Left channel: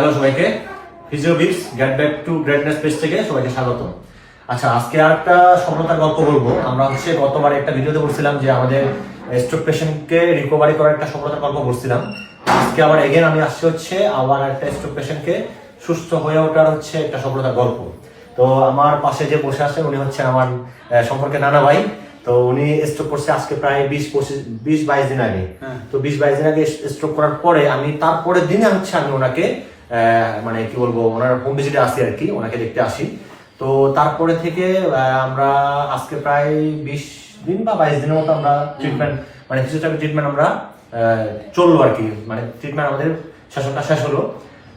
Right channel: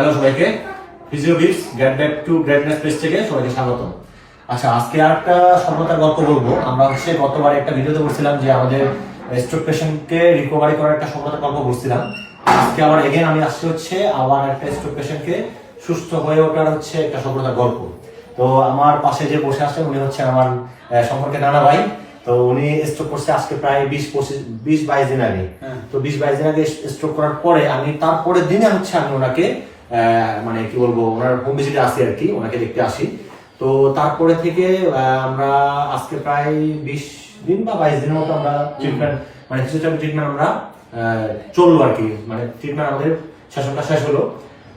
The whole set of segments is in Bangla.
হ্যালো সবাইকে, Physiobeats get back to greatness page থেকে সবাইকে স্বাগত। আচ্ছা, আজকে আরেকটা সফলতার গল্প বলবো। আমরা গতবার একটা ভিডিওতে বলছিলাম যে আমাদের স্ট্রোক পেশেন্টকে রিকভারি করার একটা সফলতার গল্প বলছিলাম। আজকে আবার এগেন আমি আসছি আবার একটা স্ট্রোক পেশেন্টকে সুস্থ হয়ে ওঠার একটা সফলতার গল্প। তো আমার পাশে যে বসে আছে উনি আমার সম্পর্কে নানা ভাই। তো উনি স্ট্রোক করছে আজকে প্রায় 20-22 দিন আগে। তো 20-22 দিন আগে স্ট্রোক করার পরে আমি তারপরের দিনে আমি ওনাকে মানে কি বলবো, ওনার হোম ভিজিটে আসি আর কি, ওনাকে দেখতে আসি। তো তারপরে থেকে আমরা আজকে প্রায় 20 দিন বা 22 দিনের মতো আমরা ট্রিটমেন্ট মানে ফিজিওথেরাপি ট্রিটমেন্ট আমরা চললো আর কি, মানে ট্রিটমেন্ট আমাদের শেষ হলো।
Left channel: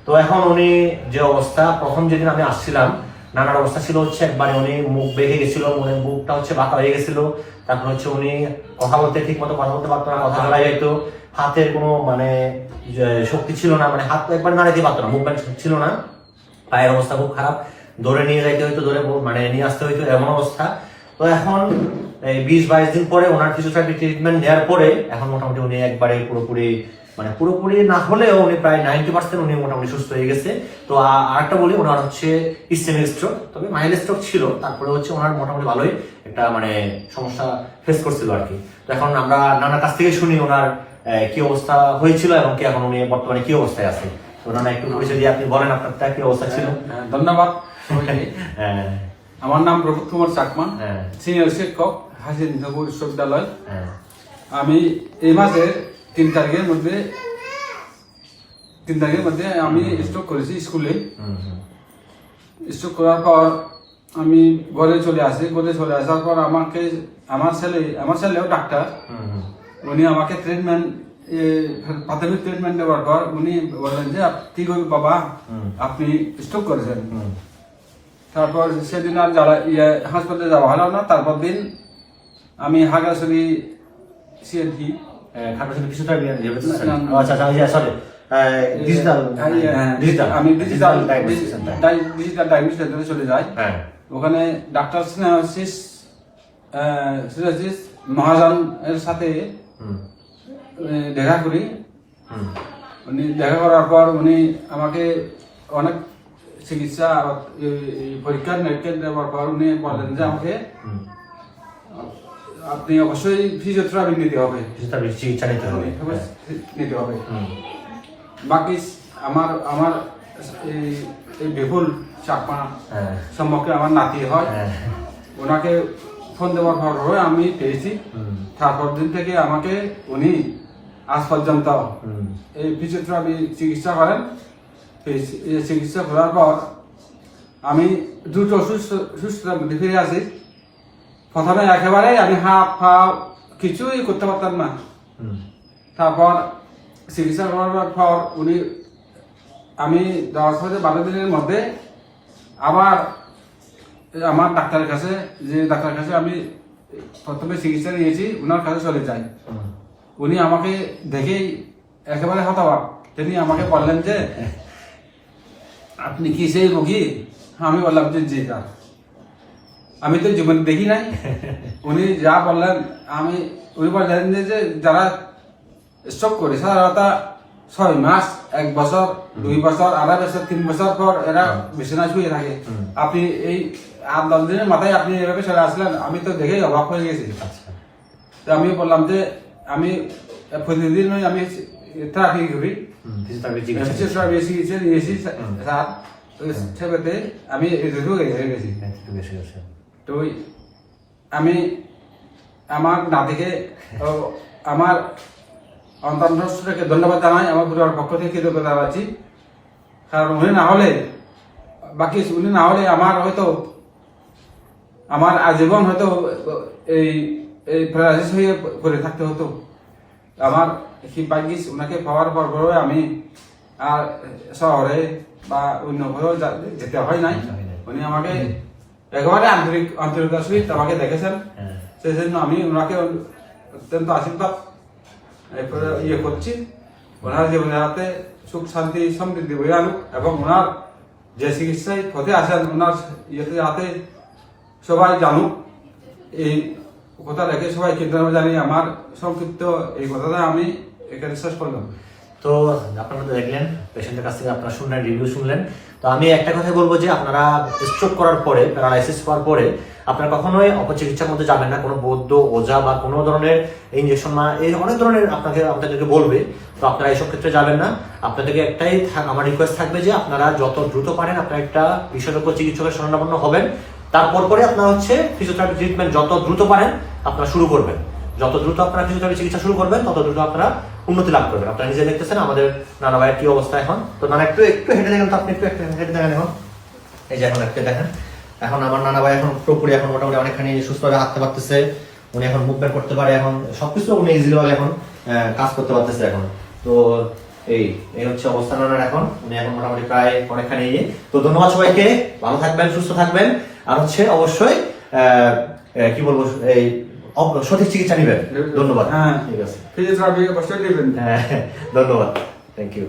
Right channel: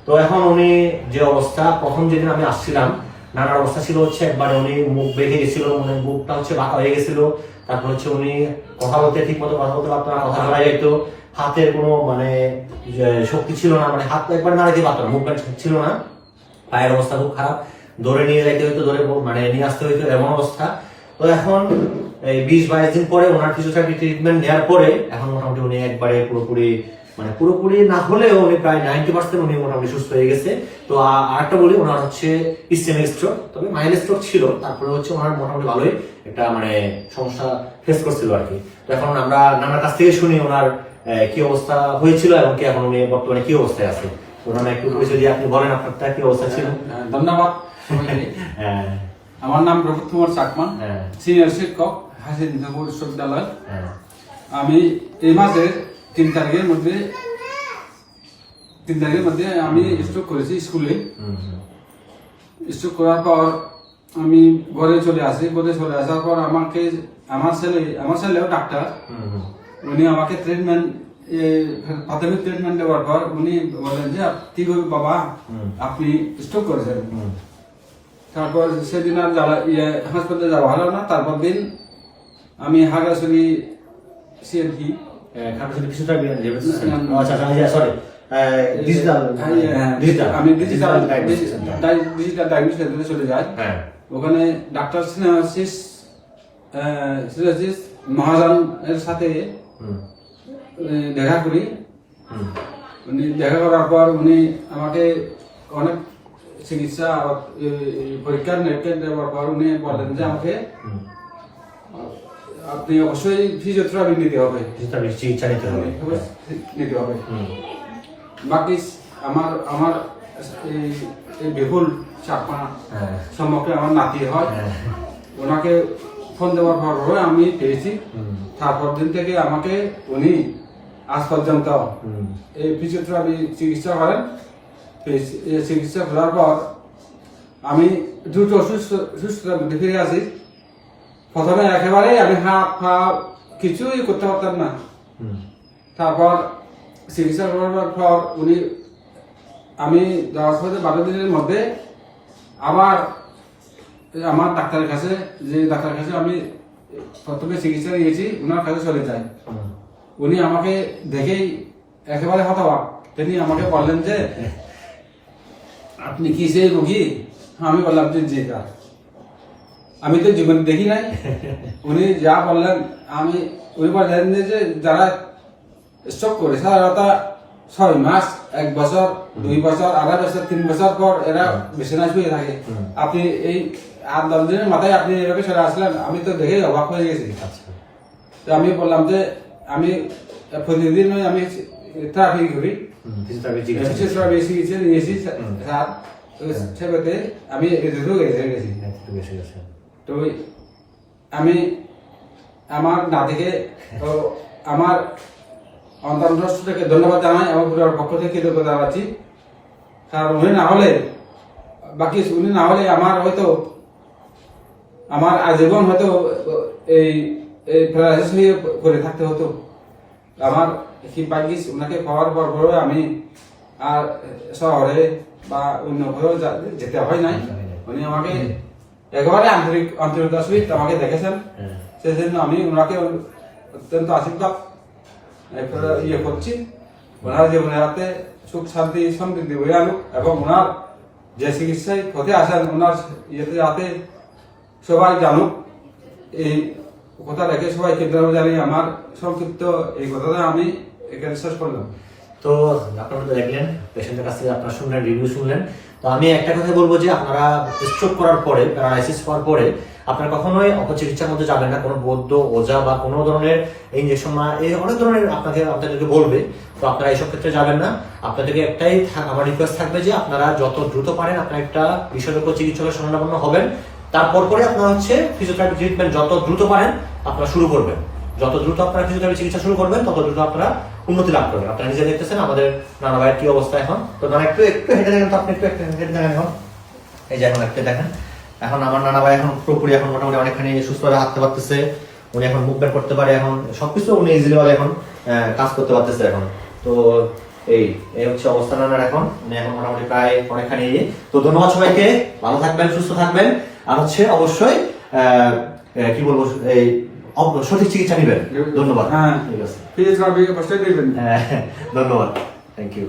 তো এখন উনি যে অবস্থা, প্রথম যেদিন আমি আসছিলাম নানার অবস্থা ছিল একবারে উনি মুখ বেঁকে গেছিল, মানে মুখটা বাঁকা হয়ে গেছিল। তারপর উনি কথা বলতে ঠিক মতো কথা বলতে পারতো না, কথা বলা যাইতো, হাতের কোনো মানে শক্তি ছিল না, মানে হাত একবার নাড়াইতে পারতো না, মুভমেন্ট ছিল না, পায়ের অবস্থা খুব খারাপ, ধরে নিয়ে যাইতে হইতো, ধরে মানে নিয়ে আসতে হইতো, এমন অবস্থা। তো এখন এই 20-22 দিন পরে ওনার ফিজিওথেরাপি ট্রিটমেন্ট নেওয়ার পরে এখন মোটামুটি উনি একবারে পুরোপুরি না হলেও উনি প্রায় 90% উনি মোটামুটি সুস্থ হয়ে গেছে। তো আরেকটা বলি, ওনার ইসচেমিক স্ট্রোক, তবে মাইল্ড স্ট্রোক ছিল, তারপরে ওনার মোটামুটি ভালোই একটা মানে সমস্যা ফেস করছিল আর কি। তো এখন আমরা নানার কাছ থেকে শুনি ওনার কি অবস্থা হয়েছিল এবং কি এখন উনি বর্তমানে কি অবস্থায় আছে। ওনারা একটু পরিচয় দিয়ে আপনি বলেন আপনারটা কি অবস্থা ছিল। ধন্যবাদ। আমার নাম প্রবোধ কুমার চাকমা, সিনিয়র শিক্ষক, হাসিনাপুর বিশ্ববিদ্যালয়। আমি এই মাসে 3 তারিখের মধ্যে আমি স্ট্রোক করেছি স্কুলে। স্ট্রোক করার পর আমি ঘরে চলে আসি। ঘরে আসার পর আমার ছেলেও ডাক্তার, উনি আমাকে প্রাথমিক ট্রিটমেন্ট দেওয়ার পর উনি বললেন যে কি করবে বাবা, আপনি স্ট্রোক করেছেন। তারপর সেদিন আর হাসপাতালে যাওয়া হলো না। তারপর দিন আমি হাগাছড়ি সিএনপি আমি ডিজিটাল ডায়াগনোস্টিক চলে যাই। ওখানে ডাক্তার মহাজন এর সাথে দেখা করি। উনি দেখা করার পর উনি আমাকে অনেক চিকিৎসা পরীক্ষা নিরীক্ষা দেওয়ার পর উনি বললেন যে আমাকে আপনি অবশ্যই ফিজিওথেরাপি নিতে হবে, চিকিৎসা নিতে হবে। বাকি আমার এই বিপুল চাকমা সম্পর্কে আমার নাতি হয়, ওনাকে ফোন দেওয়ার পর আমি পেয়েছি। তারপর দিন থেকে আমাকে উনি আজ পর্যন্ত এই ফিজিওথেরাপি চিকিৎসা করেন। চিকিৎসা করার পর আমি দ্রুত সুস্থতার মধ্যে ফিরে আসি। প্রথমে একেবারে আমি হাত পা কিছুই করতে পারতাম না। তারপর চিকিৎসা করার পর আমি 10-12 দিনের মধ্যে আবার আমার ডাক্তারের কাছে আমি প্রথমে চিকিৎসা নিয়েছি, ওনার কাছে চলে যাই। উনি আমাকে দেখেই একেবারে হতবাক। তিনি আমাকে বললেন যে আপনি কি সেই রোগী? আমি বললাম যে জি স্যার, আমি তো জীবনে দেখি নাই। উনি যা বললেন উনি বললেন যে যারা স্ট্রোক করে সাধারণত 6 মাস, 1 বছর, 2 বছর, 2.5 বছর, 3 বছর পর এরা বিছানায় শুয়ে থাকে। আপনি এই 8-10 দিনের মাথায় আপনি এভাবে চলে আসলেন, আমি তো দেখেই অবাক হয়ে গেছি। তো আমি বললাম যে আমি প্রতিদিন আমি থেরাপি করি, চিকিৎসা নিয়েছি স্যার। সেক্ষেত্রে আমি গেছি। তো আমি আমার নাতিকে আমার অন্তর্দৃষ্টকে ধন্যবাদ জানাই, আমার পরিবার পক্ষ থেকে কৃতজ্ঞতা জানাচ্ছি। কারণ উনি না হলে আমার আজীবন হয়তো এই প্যারালাইসিস হয়ে পড়ে থাকতে হতো। আমার ভাগ্যিস ওনাকে পাওয়ার পর আমি আর শহরে বা অন্য কোথাও যেতে হয় নাই। উনি আমাকে একেবারে আন্তরিকতার সহিত আমাকে দেখেছেন, সেই জন্য আমি ওনাকে অত্যন্ত আশীর্বাদ করছি। ওনার জীবনের হাতে সুখ শান্তি সমৃদ্ধি বয়ে আনুক এবং ওনার যে চিকিৎসায় হতে আসেন ওনার হাতে সবাই জানুক। এই কথা রেখে সবাইকে ধন্যবাদ জানিয়ে আমার সংক্ষিপ্ত এই কথাটা আমি এখানে শেষ করলাম। তো আপনারা তো দেখলেন পেশেন্টের কাছ থেকে আপনারা শুনলেন, রিভিউ শুনলেন। তো আমি একটা কথা বলবো যে আপনারা স্ট্রোক করার পরে, প্যারালাইসিস করার পরে আপনারা কখনোই অপচিকিৎসার মধ্যে যাবেন না। কোনো বৌদ্ধ, ওঝা বা কোনো ধরনের ইঞ্জেকশন বা এই অনেক ধরনের আপনাদেরকে বলবে, তো আপনারা এইসব ক্ষেত্রে যাবেন না। আপনাদেরকে একটাই আমার রিকোয়েস্ট থাকবে যে আপনারা যত দ্রুত পারেন আপনারা একটা বিশেষজ্ঞ চিকিৎসকের শরণাপন্ন হবেন। তারপর পরে আপনারা হচ্ছে ফিজিওথেরাপি ট্রিটমেন্ট যত দ্রুত পারেন আপনারা শুরু করবেন। যত দ্রুত আপনারা ফিজিওথেরাপি চিকিৎসা শুরু করবেন তত দ্রুত আপনারা উন্নতি লাভ করবেন। আপনারা নিজে দেখতেছেন আমাদের নানা ভাইয়ের কি অবস্থা এখন। তো নানা একটু হেঁটে দেখেন তো, আপনি একটু হেঁটে দেখেন এখন। এই যে এখন একটু দেখেন, এখন আমার নানা ভাই এখন পুরোপুরি এখন মোটামুটি অনেকখানি সুস্থভাবে হাঁটতে পারতেছে, উনি এখন মুভমেন্ট করতে পারে, এখন সবকিছু উনি ইজিলি ভাবে এখন কাজ করতে পারতেছে এখন। তো এই হচ্ছে অবস্থা নানার এখন, উনি এখন মোটামুটি প্রায় অনেকখানি ইয়ে। তো ধন্যবাদ সবাইকে, ভালো থাকবেন, সুস্থ থাকবেন, আর হচ্ছে অবশ্যই কি বলবো, এই সঠিক চিকিৎসা নেবেন। ধন্যবাদ। হ্যাঁ, ঠিক আছে, ফিজিওথেরাপি অবশ্যই নেবেন। ধন্যবাদ, থ্যাংক ইউ।